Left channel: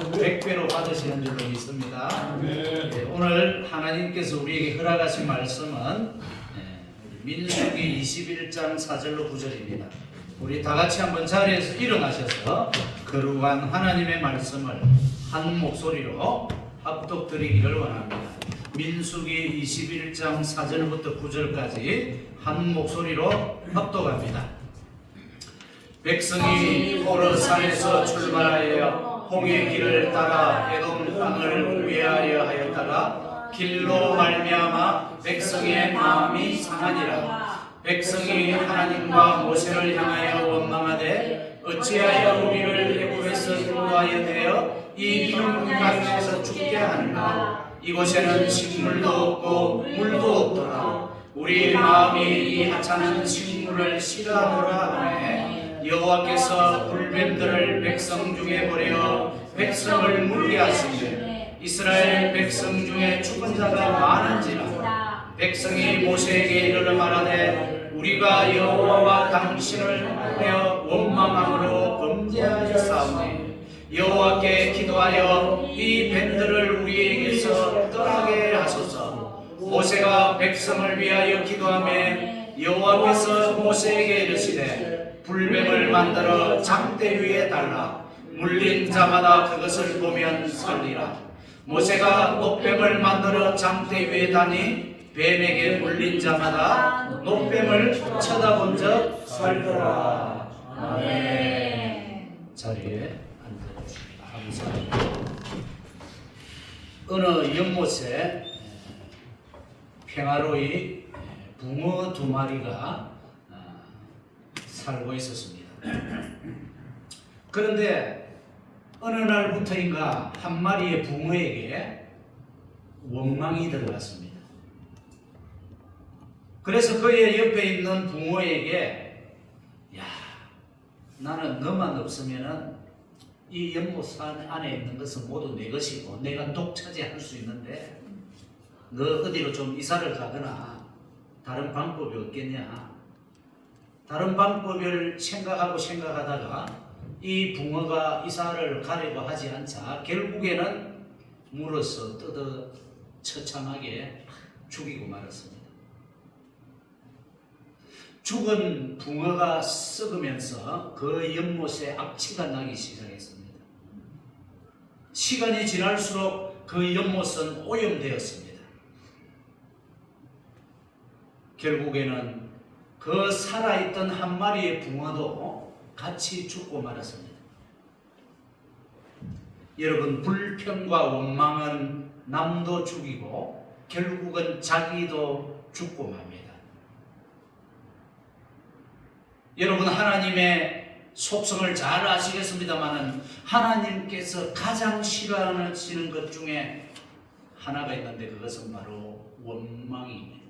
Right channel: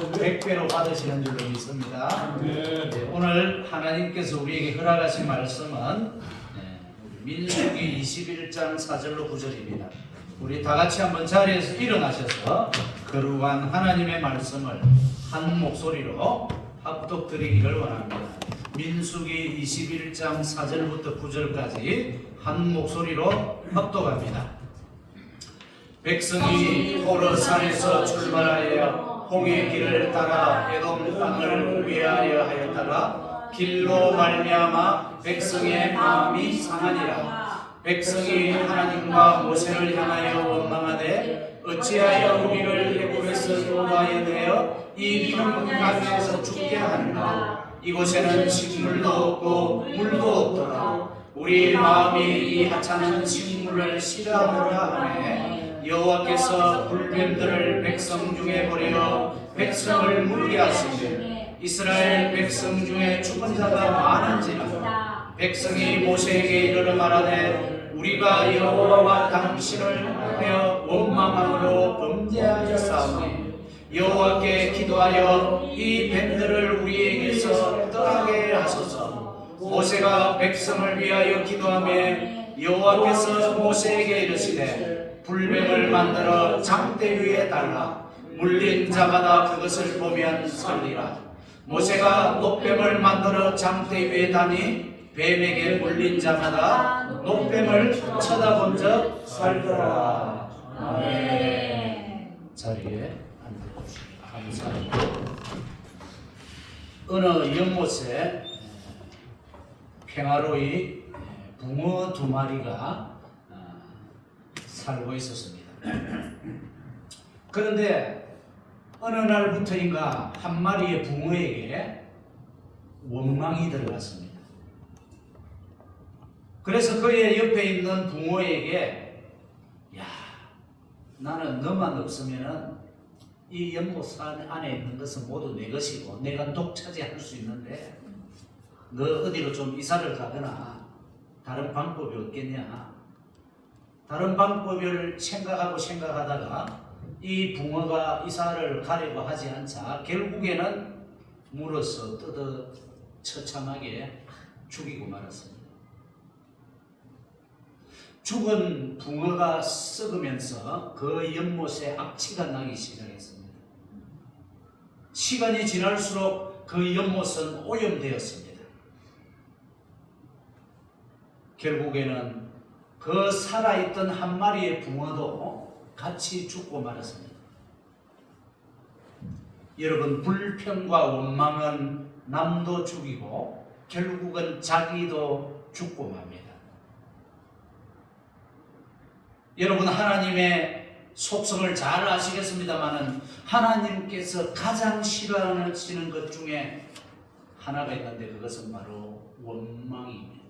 100배로 받으시는 줄로 믿습니다. 네, 오늘 하나님께서 우리에게 허락하신 말씀은 민수기 21장 4절로 9절입니다. 우리 다 같이 한번 자리에서 일어나셔서 거룩한 하나님의 말씀을 한 목소리로 합독드리기를 원합니다. 민수기 21장 4절부터 9절까지 한 목소리로 합독합니다. 백성이 호르산에서 출발하여 홍해 길을 따라 에돔 땅을 위하여 하였다가 길로 말미암아 백성의 마음이 상하니라. 백성이 하나님과 모세를 향하여 원망하되 어찌하여 우리를 애굽에서 인도하여 내어 이 평강에서 죽게 하는가. 이곳에는 식물도 없고 물도 없도다. 우리 마음이 이 하찮은 식물을 싫어하노라 하매 여호와께서 불뱀들을 백성 중에 보내어 백성을 물게 하시되 이스라엘 백성 중에 죽은 자가 많은지라. 백성이 모세에게 이르러 말하되 우리가 여호와와 당신을 하여 원망함으로 범죄하여 싸우니 여호와께 기도하여 이 뱀들을 우리에게서 떠나게 하소서. 모세가 백성을 위하여 기도하며 여호와께서 모세에게 이르시되 불뱀을 만들어 장대 위에 달라 물린 자마다 그것을 보면 살리라. 모세가 노뱀을 만들어 장대 위에 다니 뱀에게 물린 자마다 노뱀을 쳐다본 적 살더라. 아멘. 자리에 앉아주십시오. 감사합니다. 어느 연못에 평화로이 붕어 2마리가 살고 있었습니다. 그런데 어느 날부터인가 한 마리의 붕어에게 원망이 들어갔습니다. 그래서 그의 옆에 있는 붕어에게 야, 나는 너만 없으면은 이 연못 안에 있는 것은 모두 내 것이고 내가 독차지할 수 있는데 너 어디로 좀 이사를 가거나 다른 방법이 없겠냐. 다른 방법을 생각하다가 이 붕어가 이사를 가려고 하지 않자 결국에는 물어서 뜯어 처참하게 죽이고 말았습니다. 죽은 붕어가 썩으면서 그 연못에 악취가 나기 시작했습니다. 시간이 지날수록 그 연못은 오염되었습니다. 결국에는 그 살아있던 한 마리의 붕어도 같이 죽고 말았습니다. 여러분, 불평과 원망은 남도 죽이고 결국은 자기도 죽고 맙니다. 여러분, 하나님의 속성을 잘 아시겠습니다만 하나님께서 가장 싫어하시는 것 중에 하나가 있는데 그것은 바로 원망입니다.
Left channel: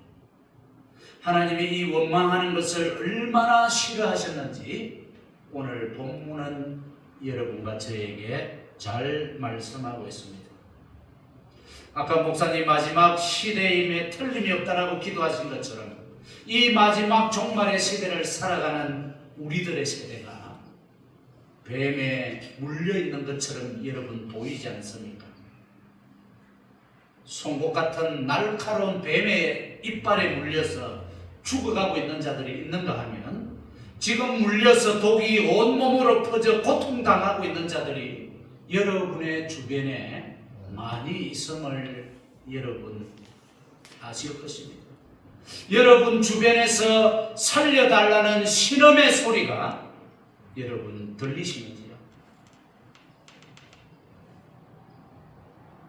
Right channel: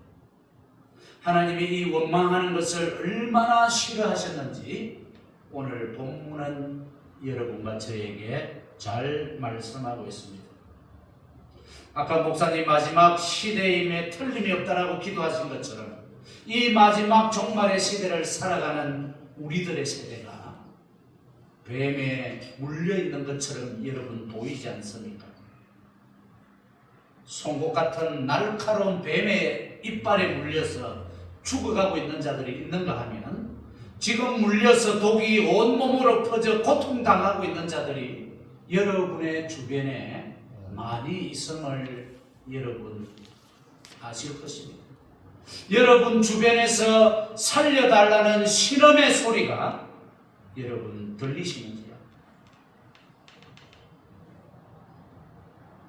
하나님이 이 원망하는 것을 얼마나 싫어하셨는지 오늘 본문은 여러분과 저에게 잘 말씀하고 있습니다. 아까 목사님 마지막 시대임에 틀림이 없다라고 기도하신 것처럼 이 마지막 종말의 시대를 살아가는 우리들의 세대가 뱀에 물려있는 것처럼 여러분 보이지 않습니까? 송곳 같은 날카로운 뱀의 이빨에 물려서 죽어가고 있는 자들이 있는가 하면 지금 물려서 독이 온몸으로 퍼져 고통당하고 있는 자들이 여러분의 주변에 많이 있음을 여러분 아실 것입니다. 여러분 주변에서 살려달라는 신음의 소리가 여러분 들리시는지요?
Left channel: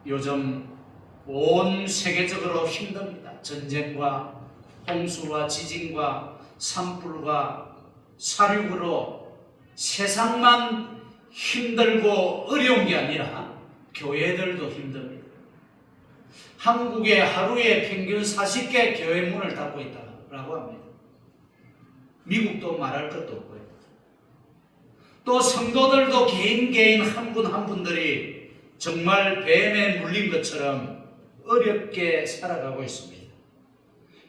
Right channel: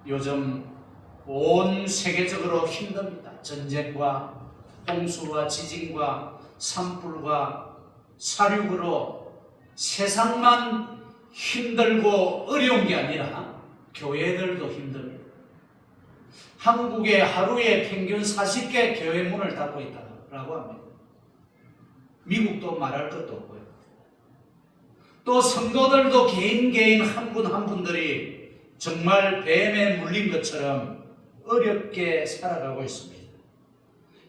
요즘 온 세계적으로 힘듭니다. 전쟁과 홍수와 지진과 산불과 사륙으로 세상만 힘들고 어려운 게 아니라 교회들도 힘듭니다. 한국에 하루에 평균 40개 교회 문을 닫고 있다고 합니다. 미국도 말할 것도 없고요. 또 성도들도 개인 한 분 한 분들이 정말 뱀에 물린 것처럼 어렵게 살아가고 있습니다.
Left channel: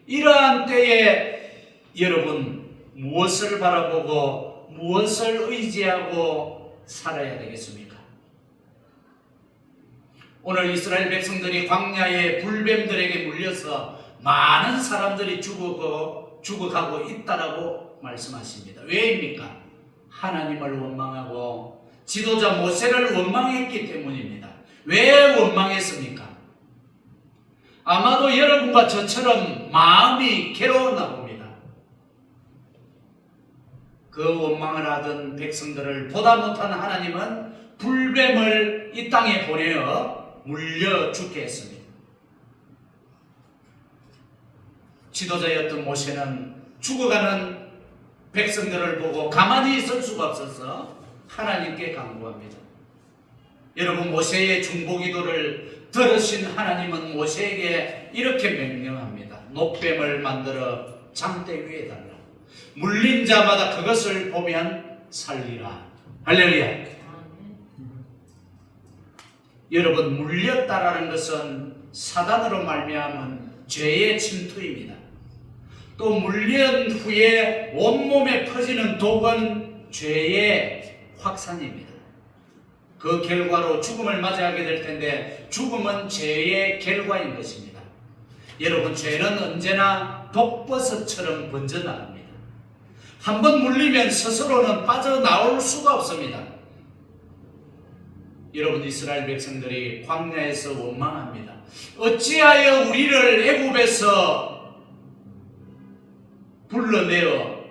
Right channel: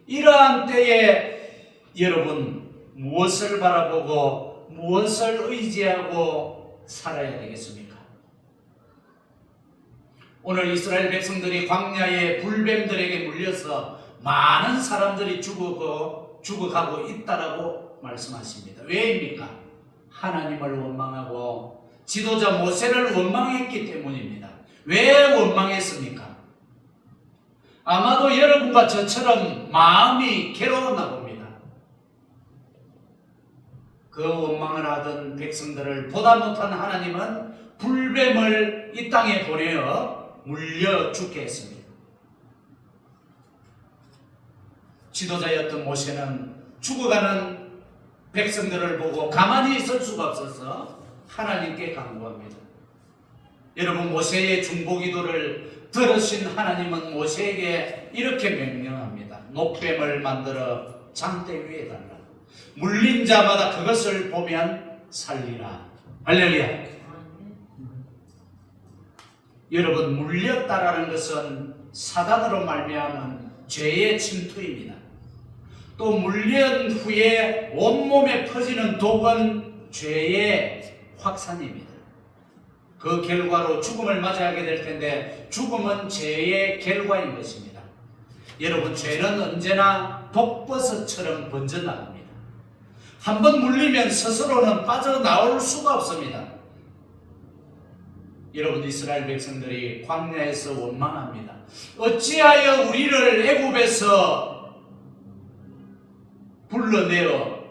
이러한 때에 여러분 무엇을 바라보고 무엇을 의지하고 살아야 되겠습니까? 오늘 이스라엘 백성들이 광야의 불뱀들에게 물려서 많은 사람들이 죽어가고 있다라고 말씀하십니다. 왜입니까? 하나님을 원망하고 지도자 모세를 원망했기 때문입니다. 왜 원망했습니까? 아마도 여러분과 저처럼 마음이 괴로웠나 봅니다. 그 원망을 하던 백성들을 보다 못한 하나님은 불뱀을 이 땅에 보내어 물려 죽게 했습니다. 지도자였던 모세는 죽어가는 백성들을 보고 가만히 있을 수가 없어서 하나님께 간구합니다. 여러분, 모세의 중보기도를 들으신 하나님은 모세에게 이렇게 명령합니다. 놋뱀을 만들어 장대 위에 달라. 물린 자마다 그것을 보면 살리라. 할렐루야. 여러분, 물렸다라는 것은 사단으로 말미암은 죄의 침투입니다. 또 물린 후에 온몸에 퍼지는 독은 죄의 확산입니다. 그 결과로 죽음을 맞이하게 될 텐데 죽음은 죄의 결과인 것입니다. 여러분, 죄는 언제나 독버섯처럼 번져나갑니다. 한번 물리면 스스로는 빠져나올 수가 없습니다. 여러분, 이스라엘 백성들이 광야에서 원망합니다. 어찌하여 우리를 애굽에서 불러내어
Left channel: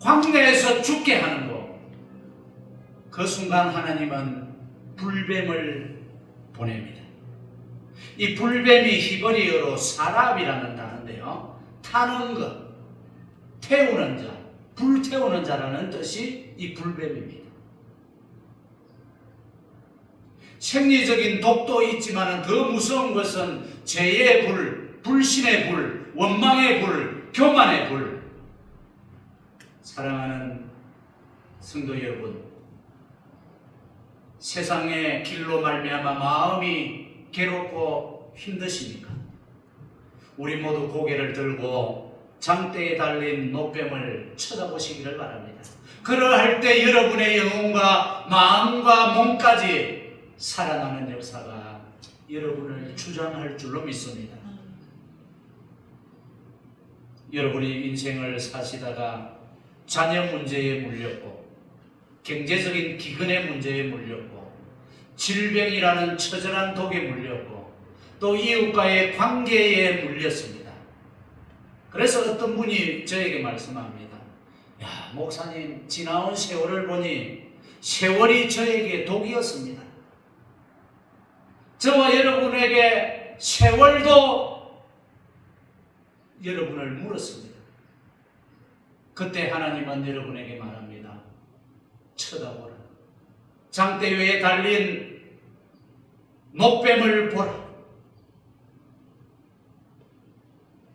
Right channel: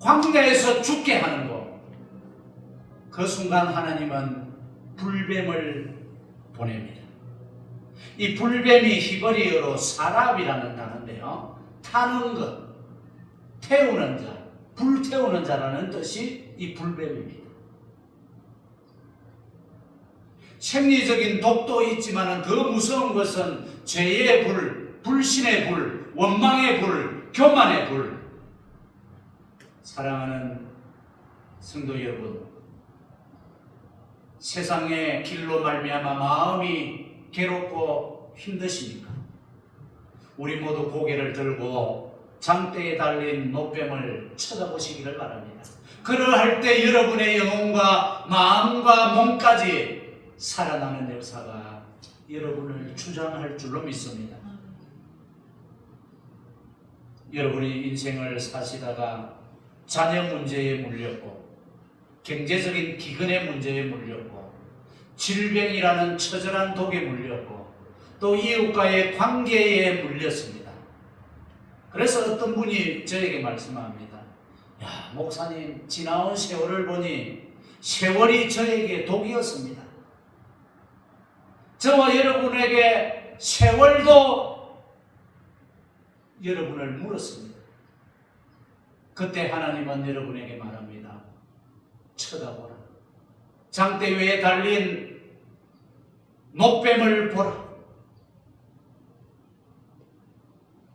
광야에서 죽게 하는고? 그 순간 하나님은 불뱀을 보냅니다. 이 불뱀이 히브리어로 사랍이라는 단어인데요, 타는 것, 태우는 자, 불태우는 자라는 뜻이 이 불뱀입니다. 생리적인 독도 있지만 더 무서운 것은 죄의 불, 불신의 불, 원망의 불, 교만의 불. 사랑하는 성도 여러분, 세상의 길로 말미암아 마음이 괴롭고 힘드십니까? 우리 모두 고개를 들고 장대에 달린 놋뱀을 쳐다보시기를 바랍니다. 그러할 때 여러분의 영혼과 마음과 몸까지 살아나는 역사가 여러분을 주장할 줄로 믿습니다. 여러분이 인생을 사시다가 자녀 문제에 물렸고, 경제적인 기근의 문제에 물렸고, 질병이라는 처절한 독에 물렸고, 또 이웃과의 관계에 물렸습니다. 그래서 어떤 분이 저에게 말씀합니다. 야, 목사님, 지나온 세월을 보니 세월이 저에게 독이었습니다. 저와 여러분에게 세월도 여러분을 물었습니다. 그때 하나님은 여러분에게 말합니다. 쳐다보라. 장대 위에 달린 놋뱀을 보라.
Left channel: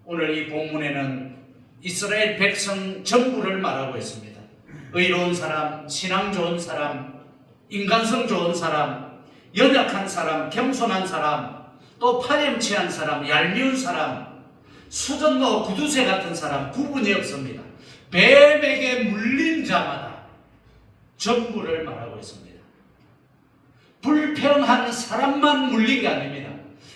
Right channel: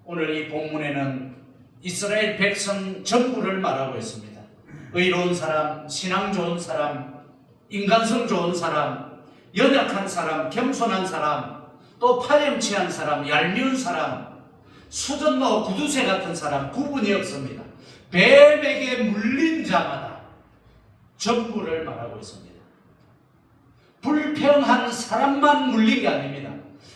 오늘 이 본문에는 이스라엘 백성 전부를 말하고 있습니다. 의로운 사람, 신앙 좋은 사람, 인간성 좋은 사람, 연약한 사람, 겸손한 사람, 또 파렴치한 사람, 얄미운 사람, 수전노 구두쇠 같은 사람 구분이 없습니다. 뱀에게 물린 자마다 전부를 말하고 있습니다. 불평한 사람만 물린 게 아닙니다.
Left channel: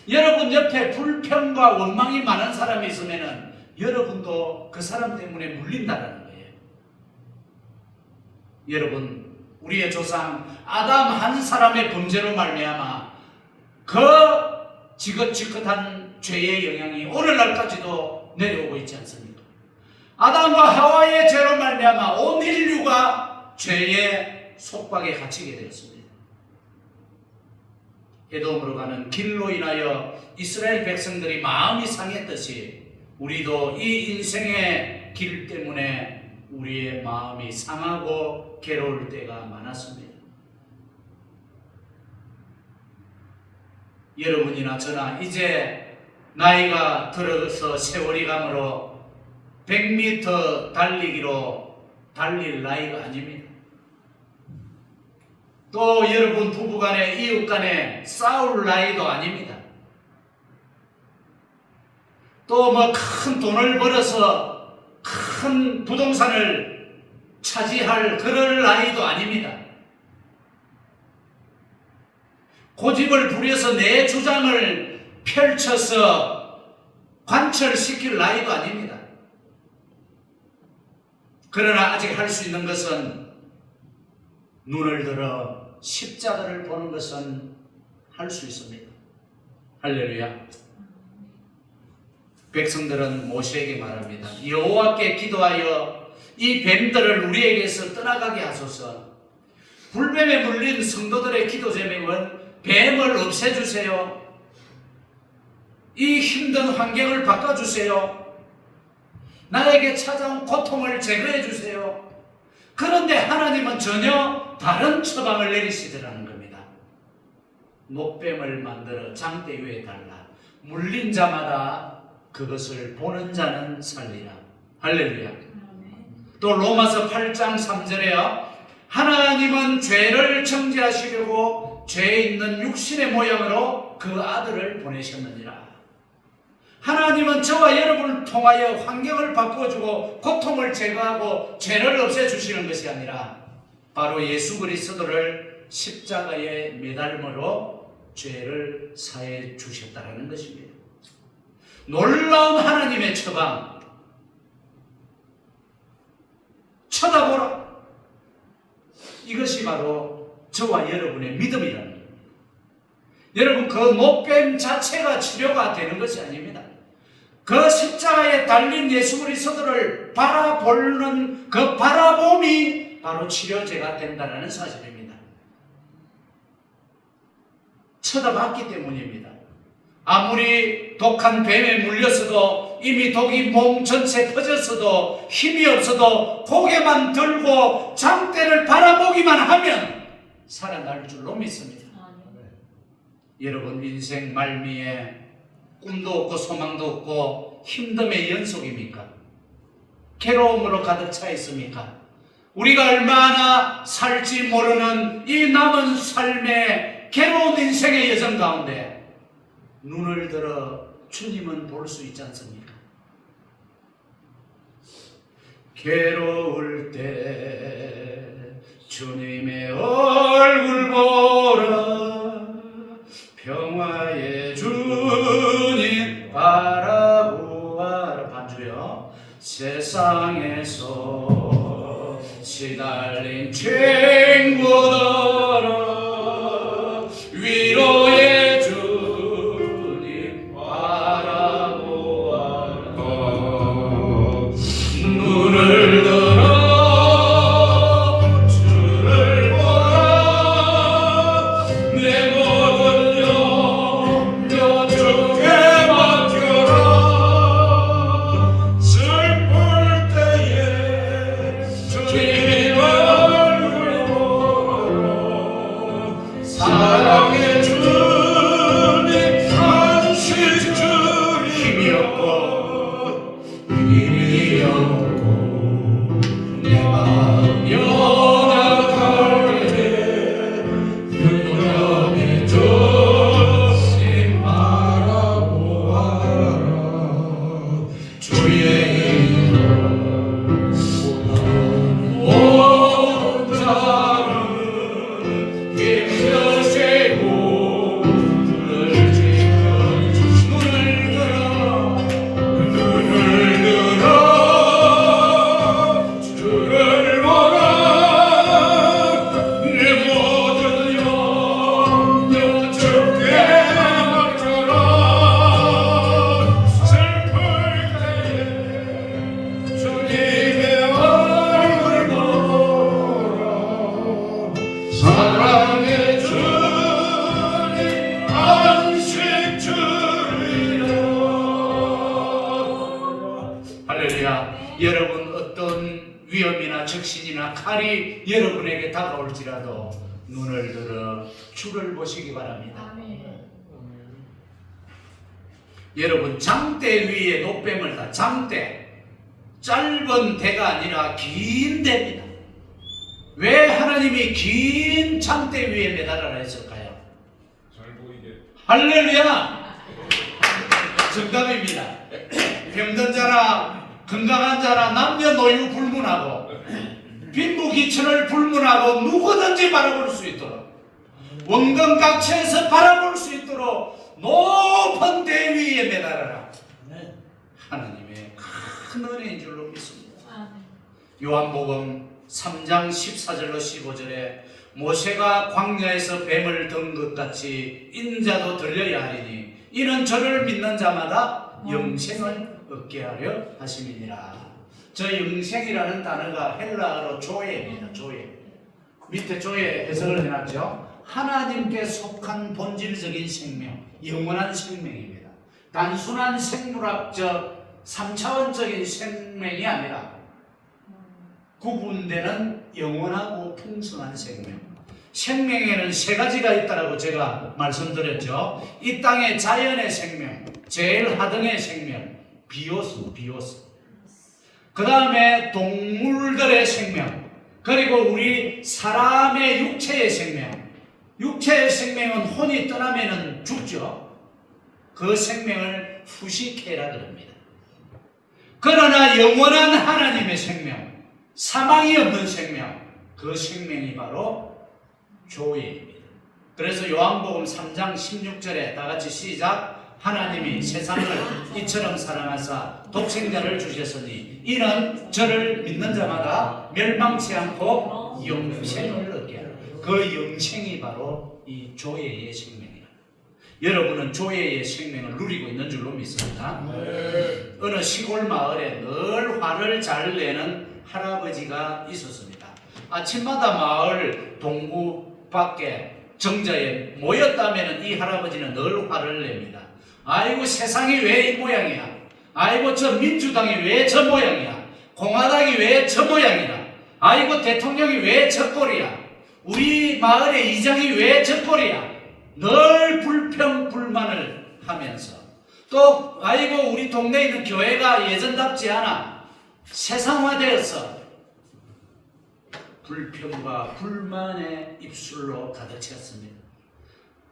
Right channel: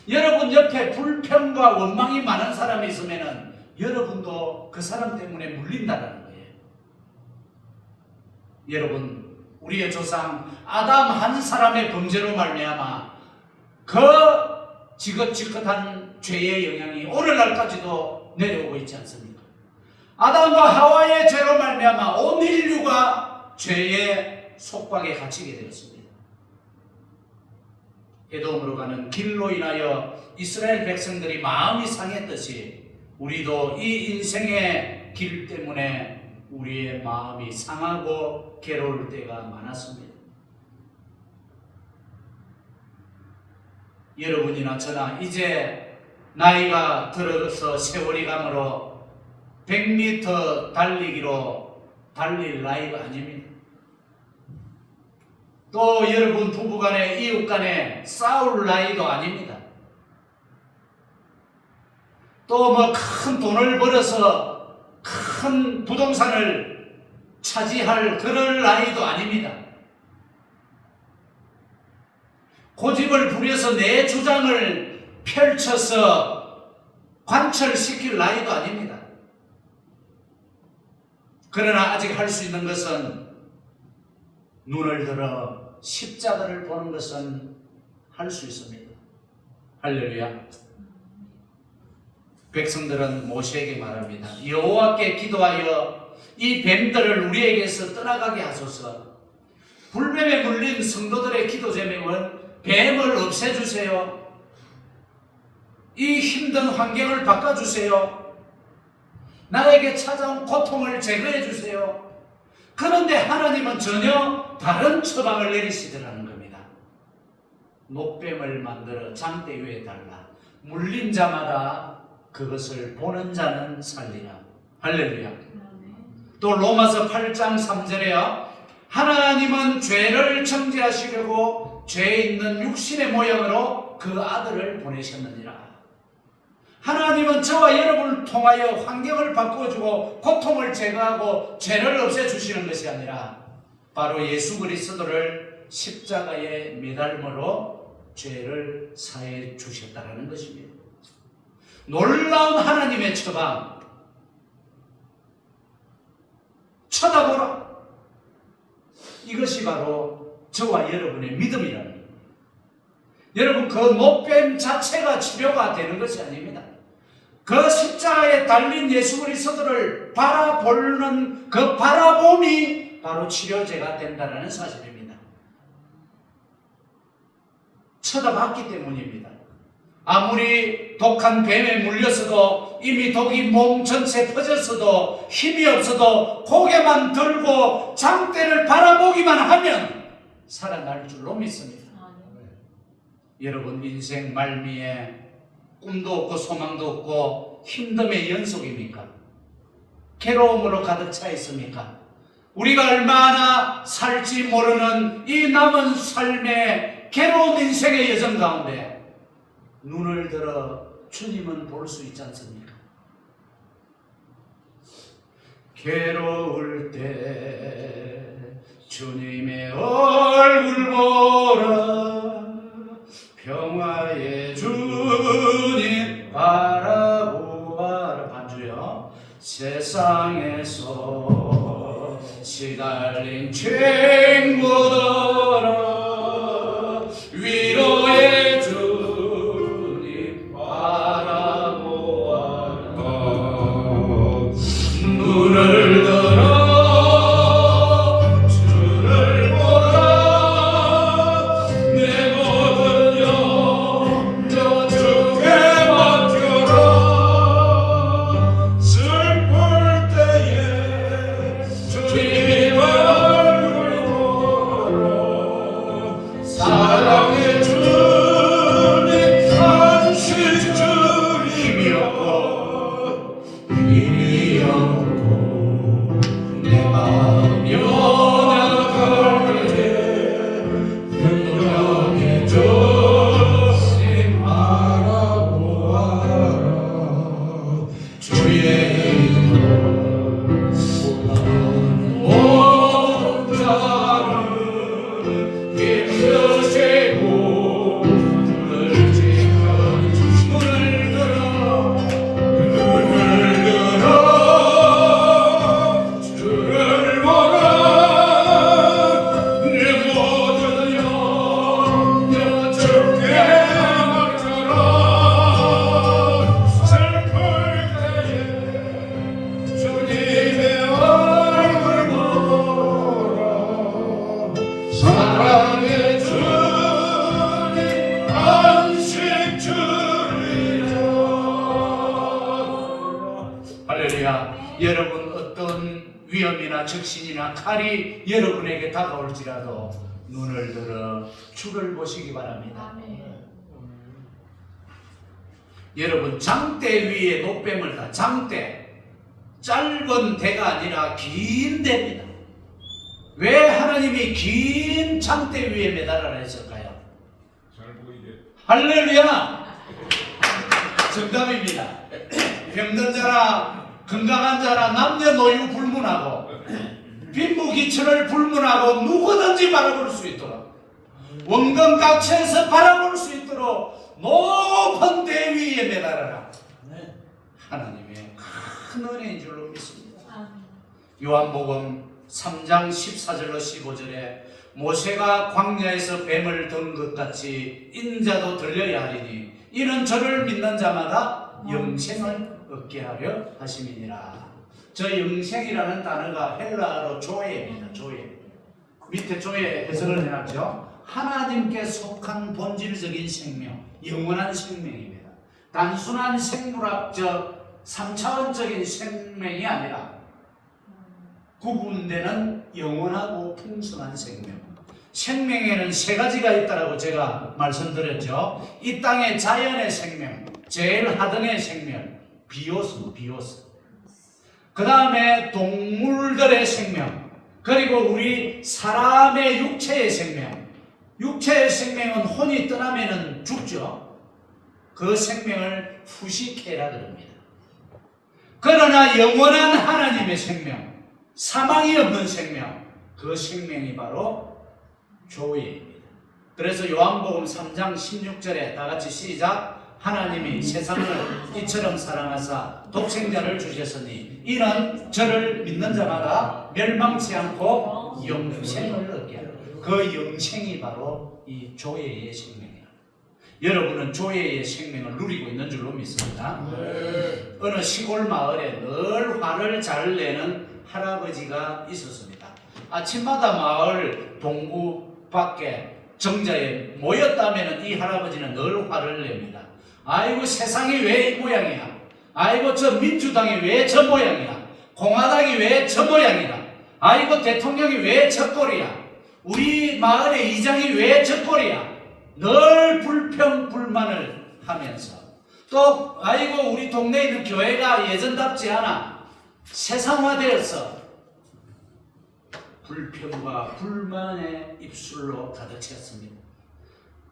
여러분 옆에 불평과 원망이 많은 사람이 있으면 여러분도 그 사람 때문에 물린다는 거예요. 여러분, 우리의 조상 아담 한 사람의 범죄로 말미암아 그 지긋지긋한 죄의 영향이 오늘날까지도 내려오고 있지 않습니까? 아담과 하와의 죄로 말미암아 온 인류가 죄의 속박에 갇히게 되었습니다. 에돔으로 가는 길로 인하여 이스라엘 백성들이 마음이 상했듯이 우리도 이 인생의 길 때문에 우리의 마음이 상하고 괴로울 때가 많았습니다. 여러분이나 저나 이제 나이가 들어서 세월이 가므로 100m 달리기로 달릴 나이가 아닙니다. 또 여러분 부부간에 이웃간에 싸울 나이도 아닙니다. 또 뭐 큰 돈을 벌어서 큰 부동산을 차지할 그럴 나이도 아닙니다. 고집을 부려서 내 주장을 펼쳐서 관철시킬 나이도 아닙니다. 그러나 아직 할 수 있는 것은 눈을 들어 십자가를 보는 것은 할 수 있습니다. 할렐루야. 백성들은 모세에게 말합니다. 여호와께 기도하여 이 뱀들을 우리에게서 떠나가게 하소서. 불뱀에 물린 성도들의 기도 제목은 뱀을 없애주세요. 이 힘든 환경을 바꿔주세요. 나에게 찾아온 고통을 제거해 주세요. 그런데 하나님은 전혀 다른 처방을 내리시더라는 겁니다. 녹뱀을 만들어 장대 위에 달라. 물린 자마다 그것을 보는 자는 살리라. 할렐루야. 또 로마서 8장 3절에요. 하나님은 죄를 정죄하시려고 죄 있는 육신의 모양으로 그 아들을 보내셨느니라. 하나님은 저와 여러분을 통하여 환경을 바꿔주고 고통을 제거하고 죄를 없애주시는 것이 아니라 바로 예수 그리스도를 십자가에 매달므로 죄를 사해 주셨다는 것입니다. 놀라운 하나님의 처방. 쳐다보라. 이것이 바로 저와 여러분의 믿음이라는 겁니다. 여러분, 그 목뱀 자체가 치료가 되는 것이 아닙니다. 그 십자가에 달린 예수 그리스도를 바라보는 그 바라봄이 바로 치료제가 된다는 사실입니다. 쳐다봤기 때문입니다. 아무리 독한 뱀에 물렸어도 이미 독이 몸 전체에 퍼졌어도 힘이 없어도 고개만 들고 장대를 바라보기만 하면 살아날 줄로 믿습니다. 여러분, 인생 말미에 꿈도 없고 소망도 없고 힘듦의 연속입니까? 괴로움으로 가득 차 있습니까? 우리가 얼마나 살지 모르는 이 남은 삶의 괴로운 인생의 여정 가운데 눈을 들어 주님은 볼 수 있지 않습니까? 괴로울 때 주님의 얼굴 보라. 평화의 주님 바라보아라. 반주요. 세상에서 시달린 친구들아 위로의 주님 바라보아라. 눈을 들어 여러분, 어떤 위험이나 적신이나 칼이 여러분에게 다가올지라도 눈을 들어 주를 보시기 바랍니다. 여러분, 장대 위에 녹뱀을 다, 장대, 짧은 대가 아니라 긴 대입니다. 왜 하나님이 긴 장대 위에 매달아라 했을까요? 잘 보이게. 할렐루야! 정답입니다. 병든 자나 건강한 자나 남녀노유 불문하고 빈부귀천을 불문하고 누구든지 바라볼 수 있도록 원근각처에서 바라볼 수 있도록 높은 대 위에 매달아라. 하나님의 큰 은혜인 줄로 믿습니다. 요한복음 3장 14절로 15절에 모세가 광야에서 뱀을 든 것 같이 인자도 들려야 하리니 이는 저를 믿는 자마다 영생을 얻게 하려 하심이니라. 저 영생이라는 단어가 헬라어로 조에입니다. 조에. 밑에 조에 해석을 해놨죠. 하나님께 속한 본질적인 생명, 영원한 생명입니다. 단순한 생물학적 3차원적인 생명이 아니라 구분되는 영원하고 풍성한 생명. 생명에는 세 가지가 있다고 제가 말씀드렸죠. 이 땅의 자연의 생명, 제일 하등의 생명, 비오스. 그 다음에 동물들의 생명, 그리고 우리 사람의 육체의 생명. 육체의 생명은 혼이 떠나면 죽죠. 그 생명을 후식해라 그럽니다. 그러나 영원한 하나님의 생명, 사망이 없는 생명, 그 생명이 바로 조예입니다. 그래서 요한복음 3장 16절에 다같이 시작. 하나님이 세상을 이처럼 사랑하사 독생자를 주셨으니 이는 저를 믿는 자마다 멸망치 않고 영생을 얻게 하라. 그 영생이 바로 이 조예의 생명이라. 여러분은 조예의 생명을 누리고 있는 줄로 믿습니다. 어느 시골 마을에 늘 화를 잘 내는 할아버지가 있었습니다. 아침마다 마을 동구 밖에 정자에 모였다면 이 할아버지는 늘 화를 냅니다. 아이고 세상이 왜 이 모양이야. 아이고 저 민주당이 왜 저 모양이야. 공화당이 왜 저 모양이야. 아이고 대통령이 왜 저 꼴이야. 우리 마을의 이장이 왜 저 꼴이야. 늘 불평 불만을 하면서 또 아이고 우리 동네에 있는 교회가 예전답지 않아. 세상화되어서 불평과 불만의 입술로 가득 찼습니다.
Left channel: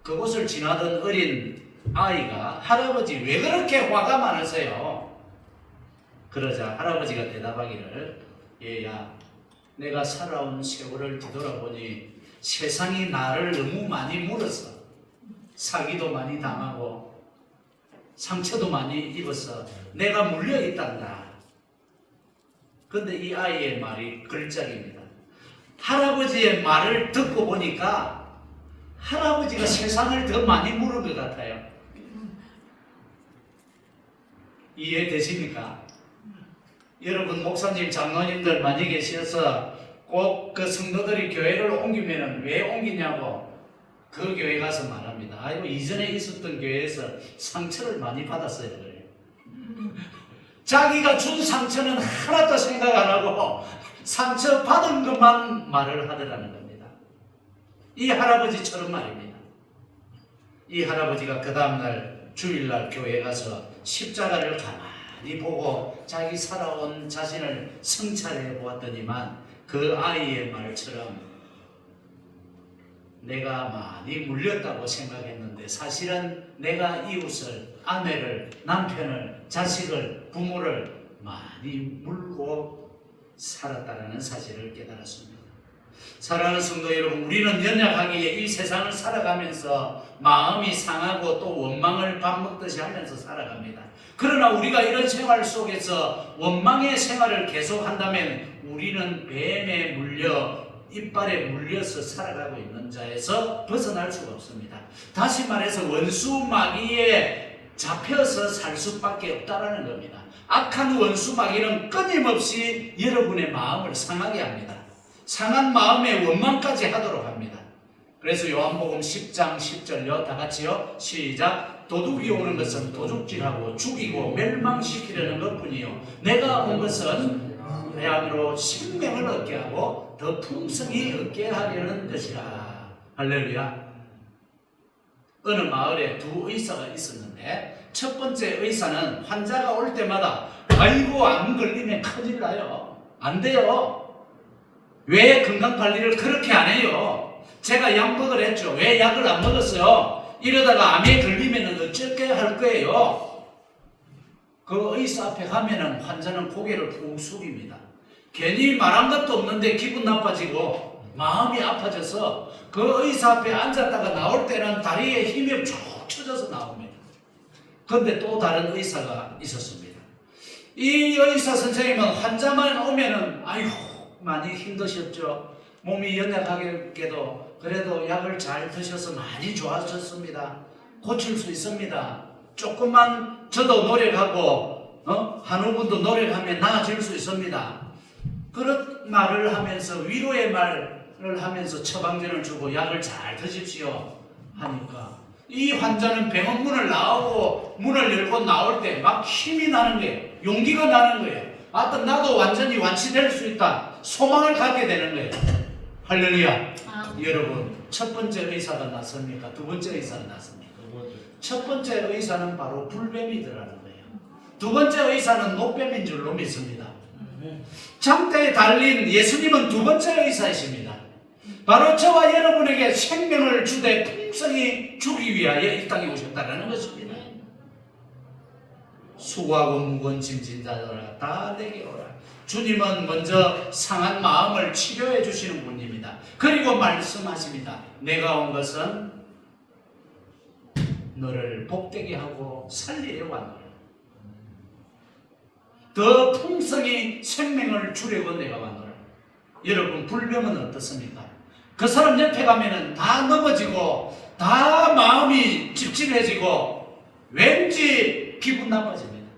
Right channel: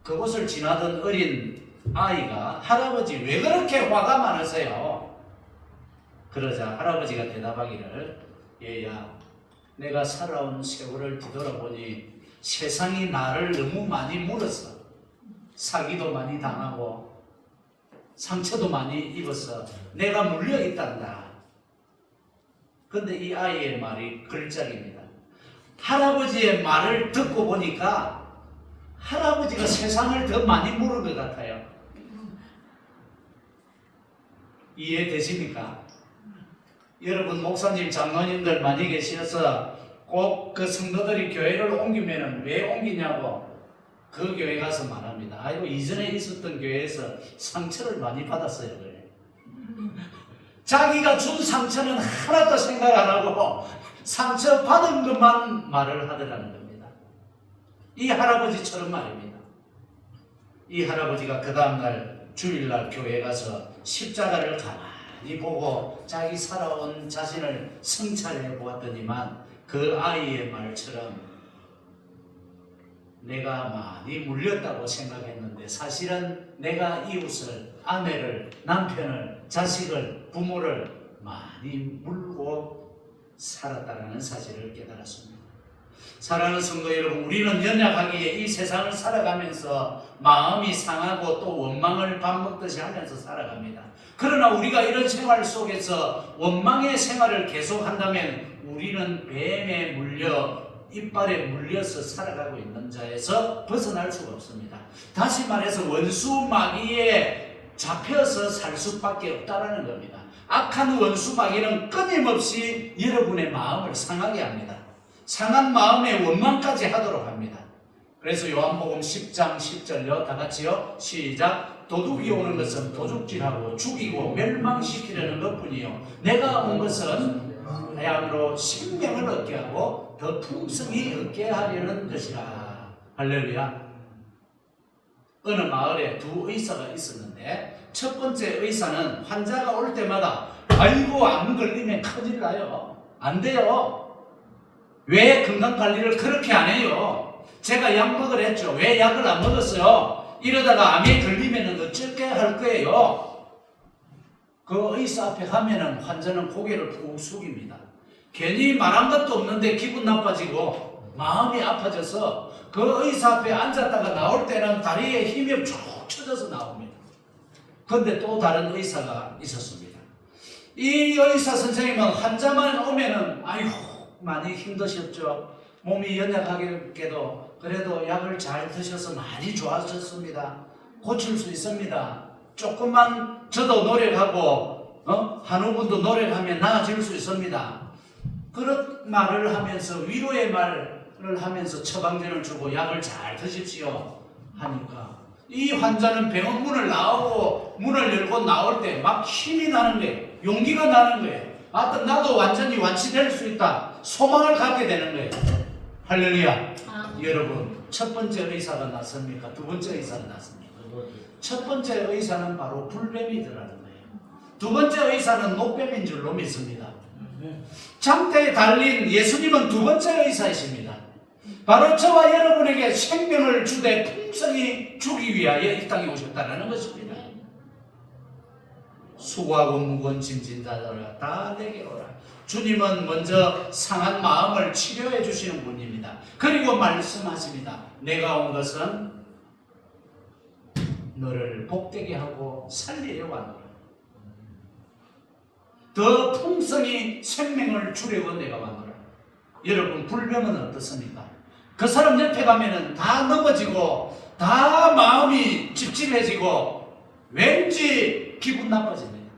그곳을 지나던 어린 아이가 할아버지 왜 그렇게 화가 많으세요? 그러자 할아버지가 대답하기를 얘야 내가 살아온 세월을 뒤돌아보니 세상이 나를 너무 많이 물었어. 사기도 많이 당하고 상처도 많이 입어서 내가 물려있단다. 근데 이 아이의 말이 걸작입니다. 할아버지의 말을 듣고 보니까 할아버지가 세상을 더 많이 물은 것 같아요. 이해되십니까? 여러분 목사님 장로님들 많이 계셔서 꼭 그 성도들이 교회를 옮기면 왜 옮기냐고 그 교회 가서 말합니다. 아이고 이전에 있었던 교회에서 상처를 많이 받았어요. 자기가 준 상처는 하나도 생각 안 하고 상처 받은 것만 말을 하더라는 겁니다. 이 할아버지처럼 말입니다. 이 할아버지가 그 다음날 주일날 교회에 가서 십자가를 가만히 보고 자기 살아온 자신을 성찰해 보았더니만 그 아이의 말처럼 내가 많이 물렸다고 생각했는데 사실은 내가 이웃을, 아내를, 남편을, 자식을, 부모를 많이 물고 살았다는 사실을 깨달았습니다. 사랑하는 성도 여러분, 우리는 연약하기에 이 세상을 살아가면서 마음이 상하고 또 원망을 밥 먹듯이 하면서 살아갑니다. 그러나 우리가 이런 생활 속에서 원망의 생활을 계속한다면 우리는 뱀에 물려 이빨에 물려서 살아가고 있는 자에서 벗어날 수가 없습니다. 다시 말해서 원수 마귀에 잡혀서 살 수밖에 없다는 겁니다. 악한 원수 마귀는 끊임없이 여러분의 마음을 상하게 합니다. 상한 마음에 원망까지 하도록 합니다. 그래서 요한복음 10장 10절요 다 같이요 시작. 도둑이 오는 것은 도둑질하고 죽이고 멸망시키려는 것뿐이요 내가 온 것은 양으로 생명을 얻게 하고 더 풍성히 얻게 하려는 것이라. 할렐루야. 어느 마을에 두 의사가 있었는데 첫 번째 의사는 환자가 올 때마다 아이고 안 걸리면 큰일 나요. 안 돼요. 왜 건강관리를 그렇게 안 해요? 제가 약 먹으라 했죠. 왜 약을 안 먹었어요? 이러다가 암에 걸리면 어쩔게 할 거예요. 그 의사 앞에 가면은 환자는 고개를 푹 숙입니다. 괜히 말한 것도 없는데 기분 나빠지고 마음이 아파져서 그 의사 앞에 앉았다가 나올 때는 다리에 힘이 쭉 쳐져서 나옵니다. 그런데 또 다른 의사가 있었습니다. 이 의사 선생님은 환자만 오면은 아이고 많이 힘드셨죠. 몸이 연약하게도 그래도 약을 잘 드셔서 많이 좋아졌습니다. 고칠 수 있습니다. 조금만 저도 노력하고 한우분도 노력하면 나아질 수 있습니다. 그런 말을 하면서 위로의 말을 하면서 처방전을 주고 약을 잘 드십시오 하니까 이 환자는 병원 문을 나오고 문을 열고 나올 때 막 힘이 나는 거예요. 용기가 나는 거예요. 나도 완전히 완치될 수 있다. 소망을 갖게 되는 거예요. 할렐루야. 여러분, 첫 번째 의사가 낫습니까? 두 번째 의사가 낫습니까? 첫 번째 의사는 바로 불뱀이더라는 거예요. 두 번째 의사는 노뱀인 줄로 믿습니다. 장대에 달린 예수님은 두 번째 의사이십니다. 바로 저와 여러분에게 생명을 주되 풍성히 주기 위하여 이 땅에 오셨다는 것입니다. 수고하고 무거운 짐진 자들아 다 내게 오라. 주님은 먼저 상한 마음을 치료해 주시는 분입니다. 그리고 말씀하십니다. 내가 온 것은 너를 복되게 하고 살리려 왔노라. 더 풍성히 생명을 주려고 내가 왔노라. 여러분, 불병은 어떻습니까? 그 사람 옆에 가면은 다 넘어지고 다 마음이 찝찝해지고 왠지 기분 나빠집니다.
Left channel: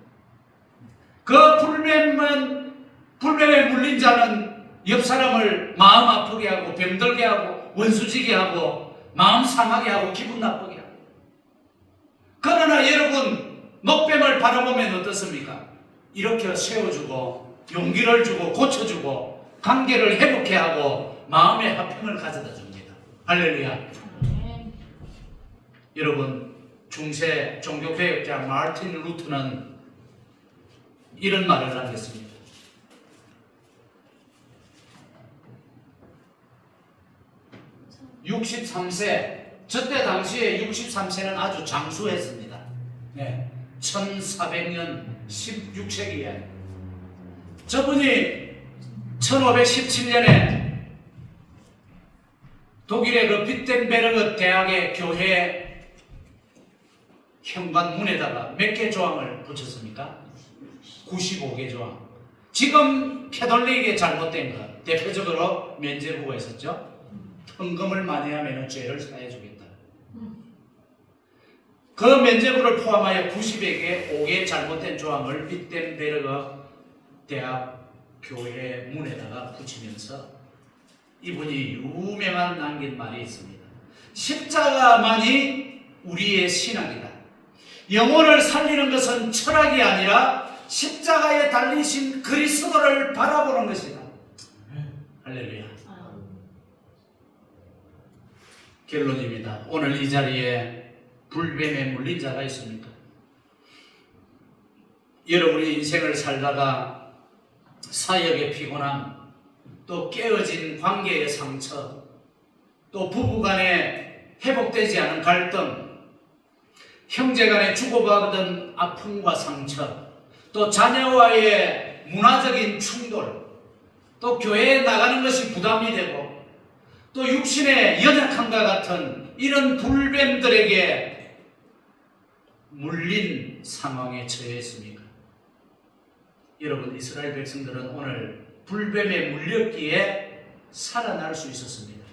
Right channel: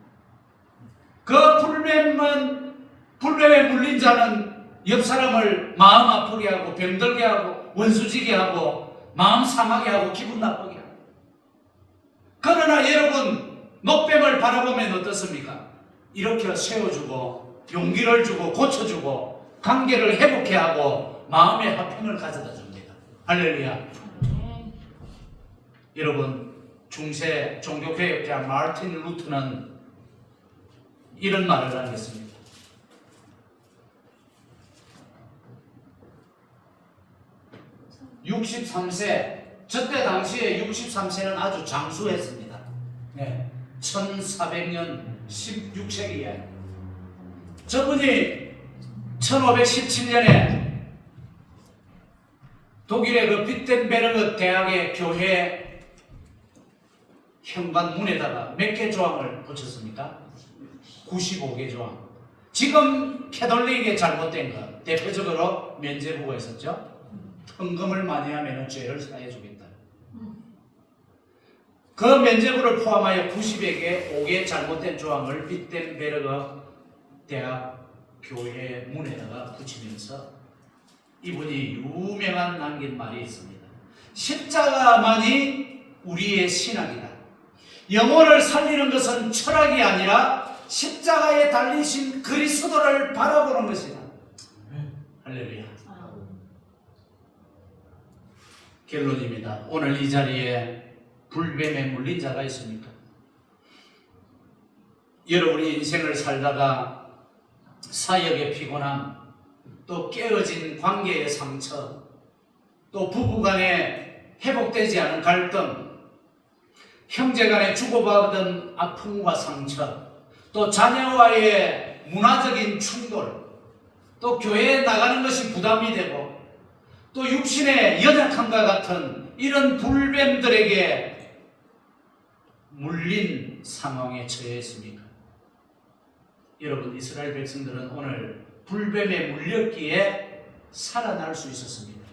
그 불뱀에 물린 자는 옆 사람을 마음 아프게 하고 병들게 하고 원수지게 하고 마음 상하게 하고 기분 나쁘게 하고. 그러나 여러분, 노뱀을 바라보면 어떻습니까? 이렇게 세워주고 용기를 주고 고쳐주고 관계를 회복해 하고 마음의 화평을 가져다 줍니다. 할렐루야. 여러분, 중세 종교개혁자 마르틴 루터는 이런 말을 하겠습니다. 63세, 저때 당시에 63세는 아주 장수했습니다. 네. 1400년 16세기에 저분이 1517년에 독일의 그 비텐베르그 대학의 교회 현관문에다가 몇 개 조항을 붙였습니까? 95개 조항. 지금 캐톨릭의 잘못된 것, 대표적으로 면죄부가 있었죠. 헌금을 많이 하면 죄를 사해 주겠다. 그 면죄부를 포함하여 5개의 잘못된 조항을 비텐베르그 대학 교회 문에다가 붙이면서 이분이 유명한 남긴 말이 있습니다. 십자가만이 우리의 신앙이다. 영혼을 살리는 것은 철학이 아니라 십자가에 달리신 그리스도를 바라보는 것이다. 할렐루야. 결론입니다. 오늘 이 자리에 불뱀에 물린 자가 있습니까? 여러분이 인생을 살다가 사역의 피곤함, 또 깨어진 관계의 상처, 또 부부간에 회복되지 않은 갈등, 형제간에 주고받은 아픔과 상처, 또 자녀와의 문화적인 충돌, 또 교회에 나가는 것이 부담이 되고 또 육신의 연약함과 같은 이런 불뱀들에게 물린 상황에 처해 있습니까? 여러분, 이스라엘 백성들은 오늘 불뱀에 물렸기에 살아날 수 있었습니다.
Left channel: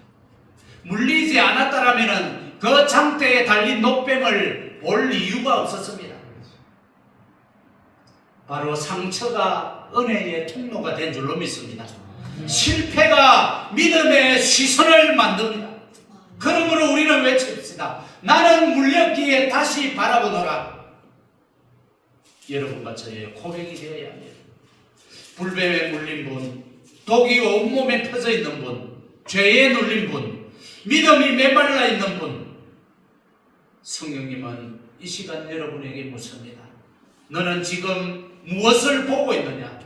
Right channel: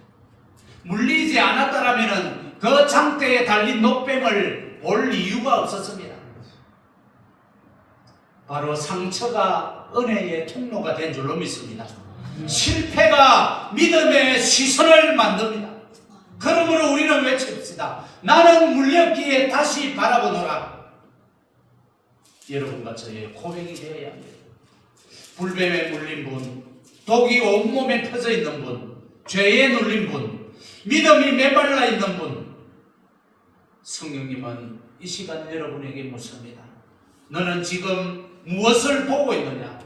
물리지 않았다라면 그 장대에 달린 노뱀을 볼 이유가 없었습니다. 바로 상처가 은혜의 통로가 된 줄로 믿습니다. 실패가 믿음의 시선을 만듭니다. 그러므로 우리는 외칩시다. 나는 물렸기에 다시 바라보노라. 여러분과 저의 고백이 되어야 합니다. 불뱀에 물린 분, 독이 온몸에 퍼져 있는 분, 죄에 눌린 분, 믿음이 메말라 있는 분, 성령님은 이 시간 여러분에게 묻습니다. 너는 지금 무엇을 보고 있느냐?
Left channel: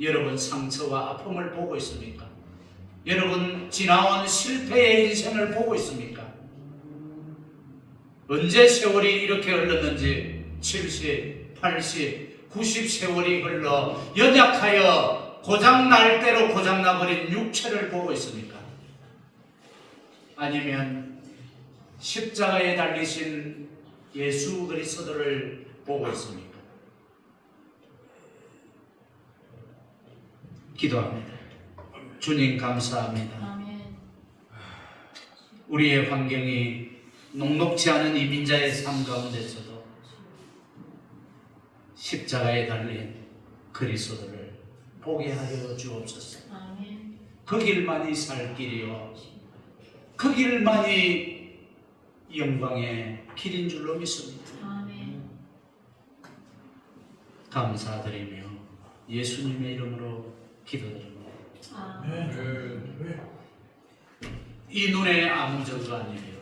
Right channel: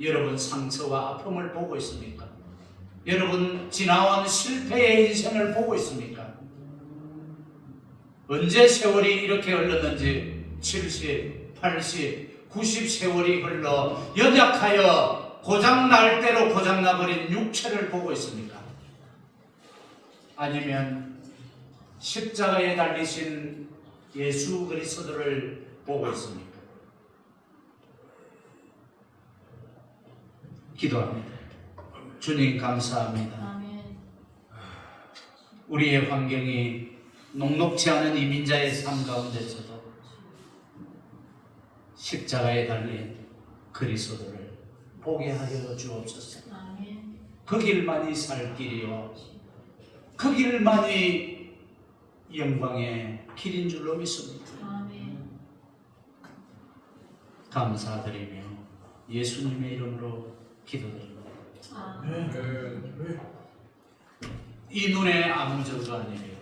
여러분 상처와 아픔을 보고 있습니까? 여러분 지나온 실패의 인생을 보고 있습니까? 언제 세월이 이렇게 흘렀는지 70, 80, 90 세월이 흘러 연약하여 고장날 대로 고장나버린 육체를 보고 있습니까? 아니면 십자가에 달리신 예수 그리스도를 보고 있습니까? 기도합니다. 주님 감사합니다. 아멘. 우리의 환경이 녹록지 않은 이민자의 삶 가운데서도 십자가에 달린 그리스도를 보게 하여 주옵소서. 아멘. 그 길만이 살 길이요 그 길만이 영광의 길인 줄로 믿습니다. 아멘. 감사드리며 예수님의 이름으로 기도드립니다. 아멘. 이 눈에 아무 저주가 아니에요.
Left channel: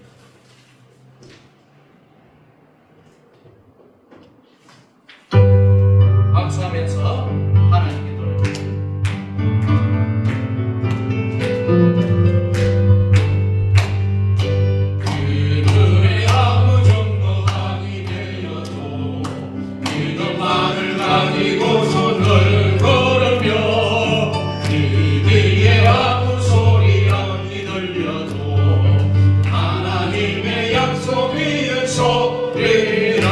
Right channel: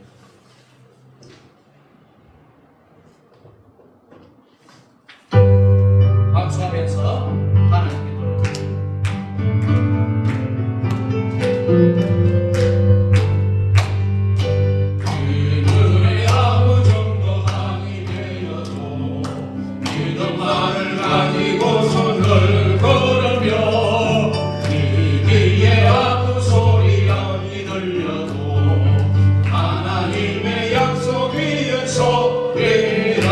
박수하면서 하나님께 돌아갑니다. 이 눈에 아무 정도 아니 되어도 믿음만을 가지고 손을 걸으며 이 귀에 아무 소리 안 들려도 하나님의 약속 위에 소리라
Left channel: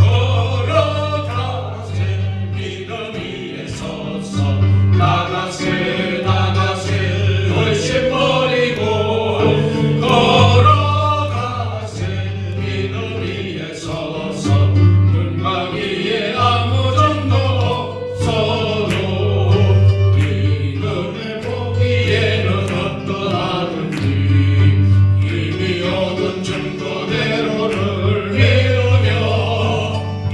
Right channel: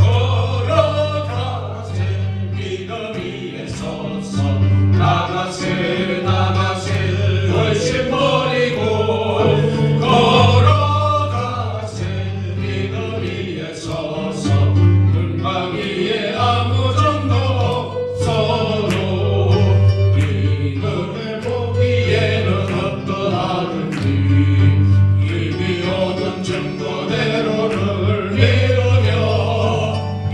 걸어가세 믿음 위에 서서 나가세 나가세 훨씬 버리고 걸어가세 믿음 위에 서서 눈만 위에 아무 정도 없어도 믿음을 보기에는 어떠하든지 이미 얻은 정도대로를 믿으며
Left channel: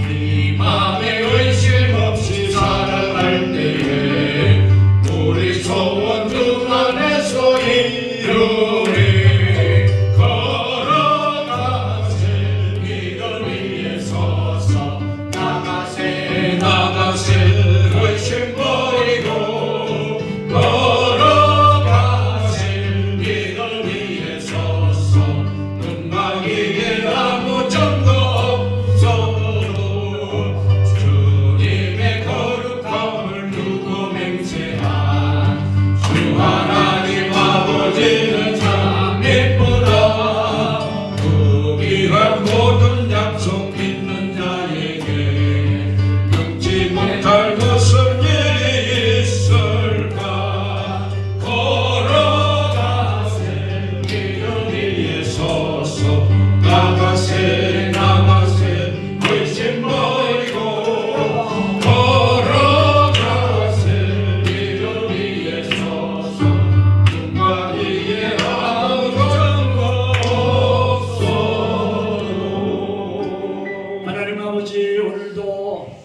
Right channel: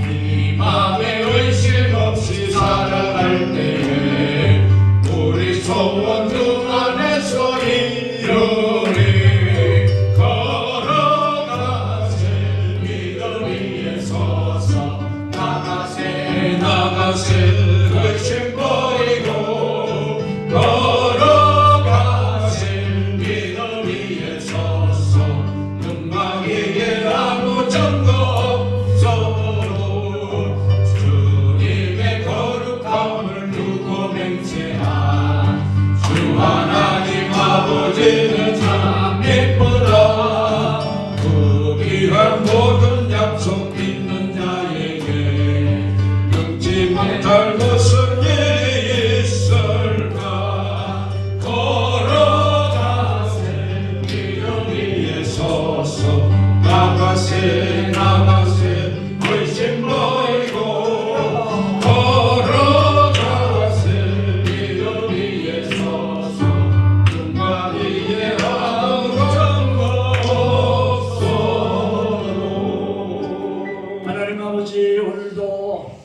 이 맘에 의심 없이 살아갈 때에 우리 소원 중 안에서 이루리 걸어가세 믿음 위에 서서 나가세 나가세 의심 버리고 걸어가세 믿음 위에 서서 눈만 위에 아무 정도 없어도 주님의 거룩함을 두고 맹세한 주 하나님 아버지는 참 예쁘다 그 귀한 모든 약속 믿는 자에게 끊지 못할 무슨 일이 있을까 걸어가세 믿음 위에 서서 나가세 나가세 의심 버리고 걸어가세 믿음 위에 서서 눈과 위에 아무 정도 없어도 하나님 아버지, 오늘도